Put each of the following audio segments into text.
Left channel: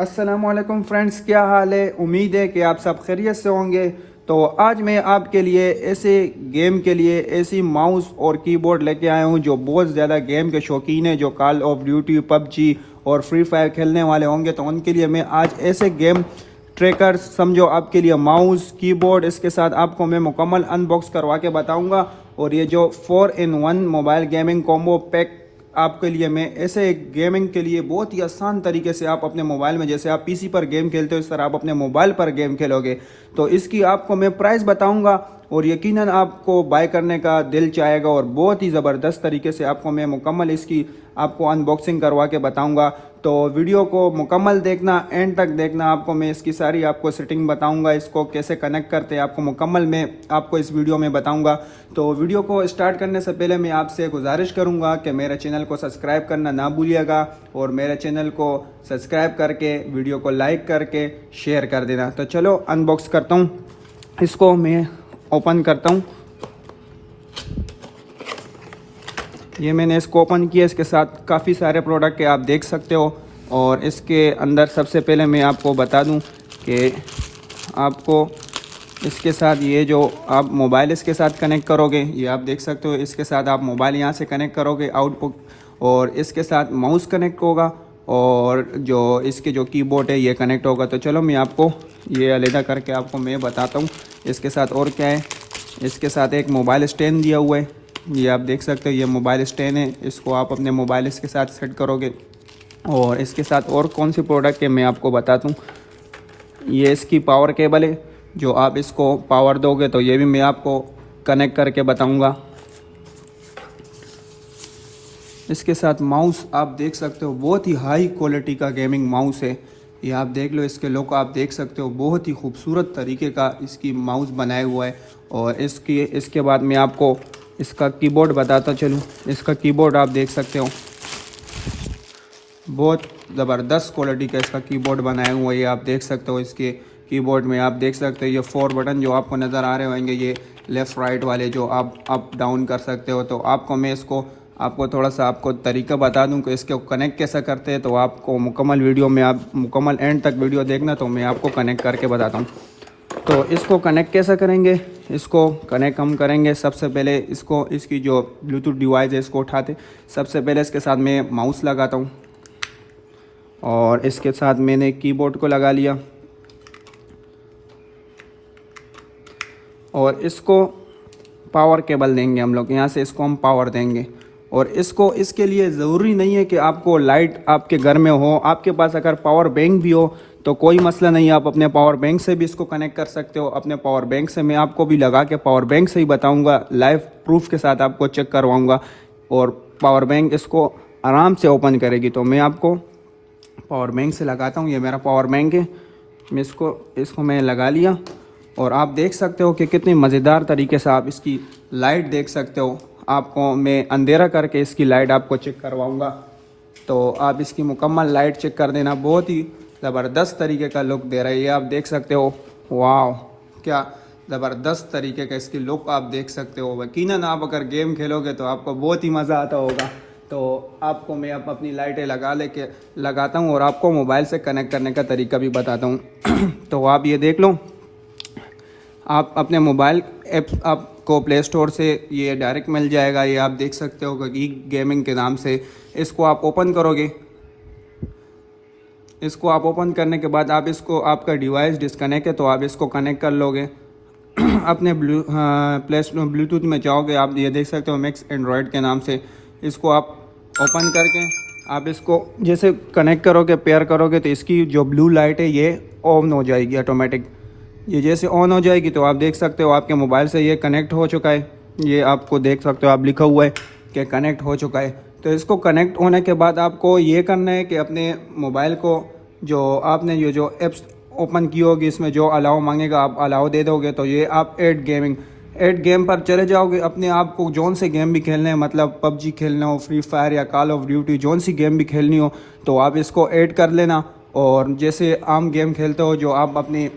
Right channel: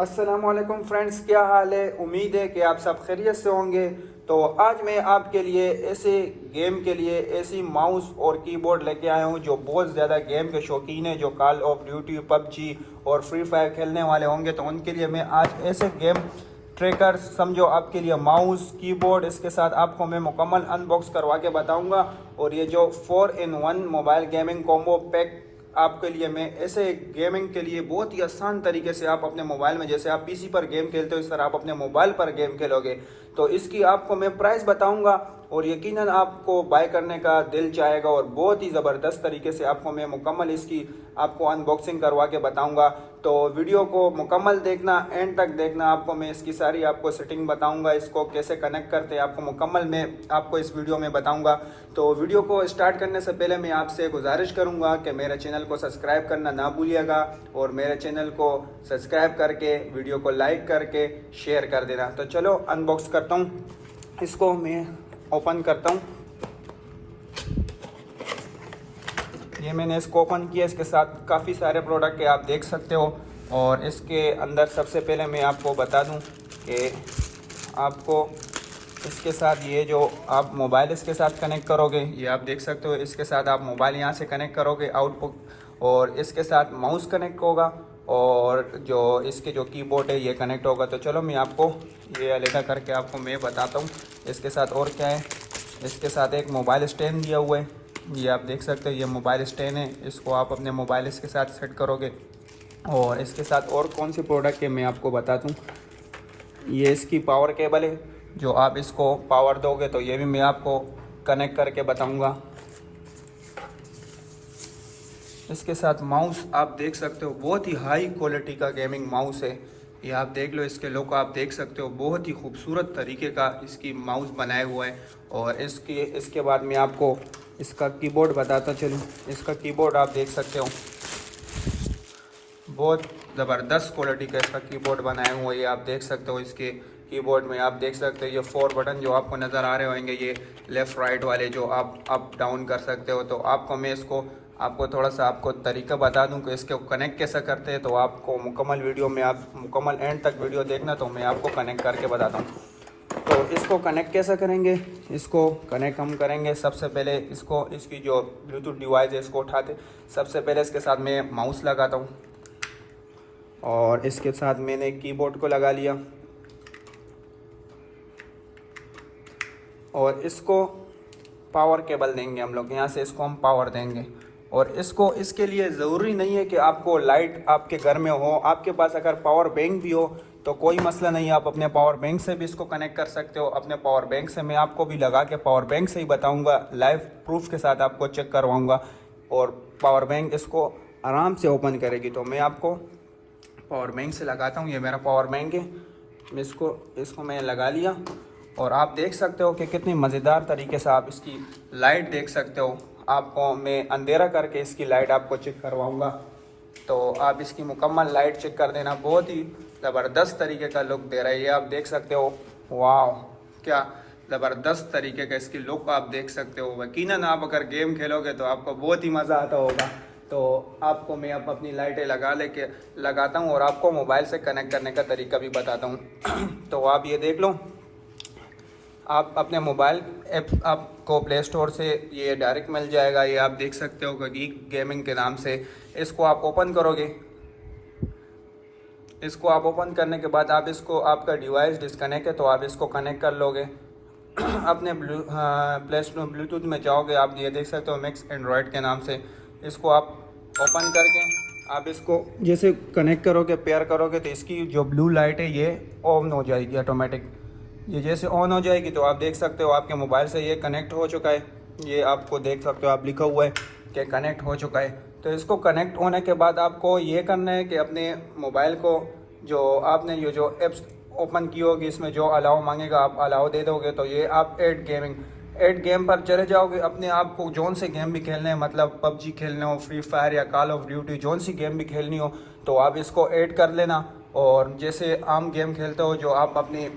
अस्सलामुअलैकुम फ्रेंड्स, क्या हाल है। उम्मीद है कि आप सब खैरियत से होंगे। तो आज मैं आपके लिए ऐसे गेम के लिए ऐसी माउस और कीबोर्ड लेके आया हूँ जो बहुत ज़्यादा गेम के शौकीन है, जो कॉल ऑफ ड्यूटी, पबजी और फ्री फायर खेलने वाले होंगे। तो उनके लिए मैं आज ऐसे गेम ट्रैकर समझो आपके लिए माउस कीबोर्ड इसके साथ आपको मैं मुकम्मल अनबॉक्स करवा के बताऊंगा। और ये जो 4-in-1 mobile gaming combo pack आपके लिए मैं ऐसे गेमिंग के लिए बहुत ही आसान तरीके से आप अपने मोबाइल में, जैसे आप पीसी पर गेम खेलते हो इस तरह आप अपने मोबाइल पर गेम खेलोगे। तो इसकी आपको मैं प्राइस बताऊंगा और यकीनन आपको बाय करने का दिल चाहेगा और बहुत ही ज़बरदस्त तरीके से आपको मैं मुकम्मल इसकी आपको अनबॉक्सिंग करवा के बताऊंगा। तो वीडियो को मुकम्मल देखना, एंड तक देखना। आपको मैं इसकी सारी आपको सेटिंग बताऊंगा, इसको कैसे कनेक्ट करते हैं आपको मुकम्मल मैं आपको इस वीडियो में बताऊंगा। तो वीडियो को स्टार्ट करने से पहले मैं आपसे गुजारिश करूंगा कि मेरे चैनल को सब्सक्राइब करना ना भूलिएगा और मेरे चैनल को सब्सक्राइब करके वीडियो को लाइक करके शेयर कर देना। तो चलो अनबॉक्स करता हूँ, इसको मैं ओपन करता हूँ। ये मैंने इसको ओपन किया, इसके साथ काफ़ी सारे प्रोडक्ट आप देख सकते हो। और इसके अंदर सबसे पहले मैं आपको बता दूं कि आपको इसके साथ ये जो आप मोबाइल इसके साथ कनेक्ट करोगे, ये आप देख सकते हो, इसके साथ आप मोबाइल यहाँ से कनेक्ट करोगे आउटपुट, और इसके साथ माउस कनेक्ट होगा और जो इसके जो कीबोर्ड है ये कनेक्ट होगा। तो चलो मैं आपको ये अलग करके आपको मैं बताता हूँ इसके साथ और क्या है। इसके साथ एक मोबाइल स्टैंड दिया हुआ है, ये आप देख सकते हो, ये मोबाइल स्टैंड है, इसको आप अपने मोबाइल इसके साथ सेट करोगे। और इसके साथ और कौन सी प्रोडक्ट है मैं आपको बताता हूँ। ये इसकी पावर केबल है, जो आप इसको पावर दोगे तो ये भी मैं आपको कनेक्ट करके बताऊंगा। इसके साथ माउस आप देख सकते हो, बहुत ही हाई क्वालिटी का गेमिंग माउस है। ये आप देख लो, इसके लुक आप देख सकते हो, बहुत ही खूबसूरत तरीके का इसकी माउस बनाया हुआ है। और इसके बाद मैं आपको इसका कीबोर्ड बताता चलूँ। इसका कीबोर्ड आप देख सकते हो, बहुत ज़बरदस्त क्वालिटी का इसका कीबोर्ड बनाया हुआ है। ये आप देख सकते हो, इसके कीबोर्ड में आप देख सकते हो ये 4 बटन जो आपको नज़र आ रहे होंगे, ये लेफ़्ट राइट वाले जो आप अप डाउन कर सकते हो। तो आपको मैं इसको आपको थोड़ा सा आपको तरीका बता दूं कि इसको कनेक्ट कैसा करते हैं। तो आपको मुकम्मल वीडियो में आप मुकम्मल एंड तक वीडियो देखना, तो मैं आपको कनेक्ट करके बताता हूँ। तो इसको कनेक्ट कैसा करेंगे, इसको कनेक्ट हम करेंगे सबसे पहले इसको, इसकी जो ब्लूटूथ डिवाइस है इसको उठाते सबसे पहले इसके साथ मैं माउस लगाता हूँ और इसके साथ मैंने कीबोर्ड को लगा लिया और इसको पावर केबल देंगे हम लोग, यहाँ से इसको हम पावर देंगे। और इसको इसके लिए ज़रूरी नहीं है कि आपको लाइट आपके घर में हो, आपके पास अगर पावर बैंक भी हो तो कोई मसला नहीं, आप अपने पावर बैंक से भी इसको कनेक्ट कर सकते हो। अपने पावर बैंक से मैं आपको भी लगा के पावर बैंक से ही बताऊंगा, लाइव प्रूफ के साथ आपको चेक करवाऊंगा और पावर बैंक इसको आराम से ओपन करेगी। तो मैं आपको पावर बैंक से लगाता हूँ, ये मेरा पावर बैंक है, मैं इसको मैं लगा लिया। और आप देख सकते हो कि कितनी मज़ेदार तरीके से आप इसकी लाइट देख सकते हो। आपको मैं अंधेरा करके इसकी लाइट आपको चेक करवाऊंगा, तो आप इसकी मुकम्मल लाइट चेक कर देना। बहुत ही ज़बरदस्त तरीके का लुक दे रहा है, ये आप देख सकते हो। वाह, क्या ज़बरदस्त तरीके का इसकी लुक आप देख सकते हो। यकीनन आप अगर गेम खेलोगे तो आपको बहुत ही मज़ा आता होगा। तो आपको मैं अब अपनी लाइटें लगाता हूँ और आपको मोबाइल से कनेक्ट करने का तरीका भी बताता हूँ। तो आप ये देख लो, आप अपने मोबाइल ऐप आपको प्ले स्टोर से ये डायरेक्ट मिल जाएगा। ये आप देख सकते हो कि गेमिंग के नाम से, इसको आप ओपन करोगे। इसको आप ओपन करने के बाद आप इसको, आपका डिवाइस डिस्कनेक्ट है तो आप इसको कनेक्ट कर लोगे। अपने प्ले स्टोर ब्लूटूथ में जाओगे, आप ये देख सकते हो मैक्स एंड्रॉयड के नाम से। इसको आप ओपन करके आप इसको जैसे कनेक्ट करोगे, पेयर करोगे, तो इसकी जो ब्लू लाइट है ये ऑन हो जाएगी ऑटोमेटिक। ये जैसे ऑन हो जाएगी तो आप देख सकते हो आपके मोबाइल से ये कनेक्ट हो चुका है। ये आपको देख सकते हो, आप लिखा हुआ है कि कनेक्ट हो चुका है। तो इसको कनेक्ट होने के बाद आपको ये करना है कि अपने मोबाइल को, जो आपने ये जो एप्स ओपन की होगी इसमें जो अलाउ मांगेगा आप अलाउ दे दोगे। तो ये आप ऐड गेम पर चले जाओगे। अपने आप को जौन से गेम भी खेलने हैं, मतलब पबजी खेलना हो, फ्री फायर या कॉल ऑफ ड्यूटी, जौन सी गेम भी खेलनी हो तो आप इसको ऐड कर लेना। और जैसे आम गेम खेलते हो, जो आप अपनी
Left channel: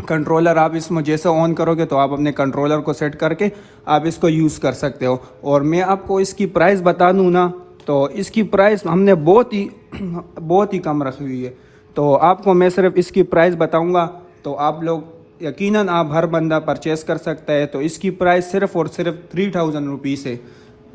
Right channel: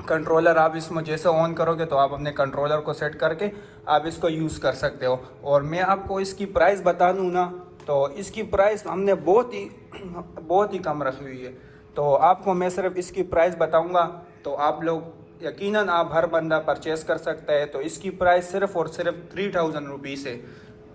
कंट्रोलर आप इसमें जैसे ऑन करोगे तो आप अपने कंट्रोलर को सेट करके आप इसको यूज़ कर सकते हो। और मैं आपको इसकी प्राइस बता दूँ ना, तो इसकी प्राइस हमने बहुत ही कम रखी हुई है। तो आपको मैं सिर्फ इसकी प्राइस बताऊंगा, तो आप लोग यकीनन आप हर बंदा परचेस कर सकता है। तो इसकी प्राइस सिर्फ और सिर्फ 3000 रुपीज़ है।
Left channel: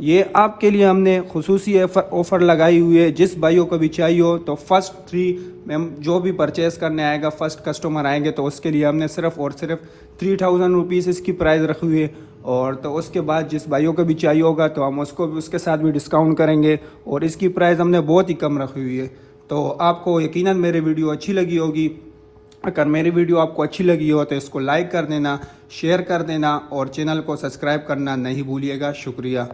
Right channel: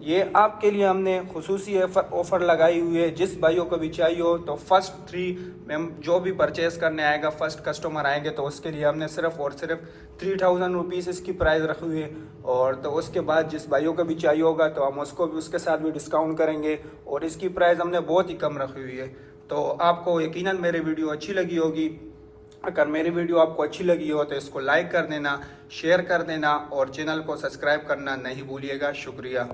ये आपके लिए हमने खुसूसी ऑफ़र लगाई हुई है। जिस भाइयों को भी चाहिए हो तो फर्स्ट 3 जो भी परचेस करने आएगा, फर्स्ट कस्टमर आएंगे, तो उसके लिए हमने सिर्फ और सिर्फ 3000 रुपीज़ इसकी प्राइस रखी हुई है। और तो उसके बाद जिस भाइयों को भी चाहिए होगा तो हम उसको भी उसके साथ भी डिस्काउंट करेंगे। और इसकी प्राइस हमने बहुत ही कम रखी हुई है। तो आपको यकीनन मेरी वीडियो अच्छी लगी होगी। अगर मेरी वीडियो आपको अच्छी लगी हो तो इसको लाइक कर देना, शेयर कर देना और चैनल को सब्सक्राइब करना नहीं भूलिएगा। शुक्रिया।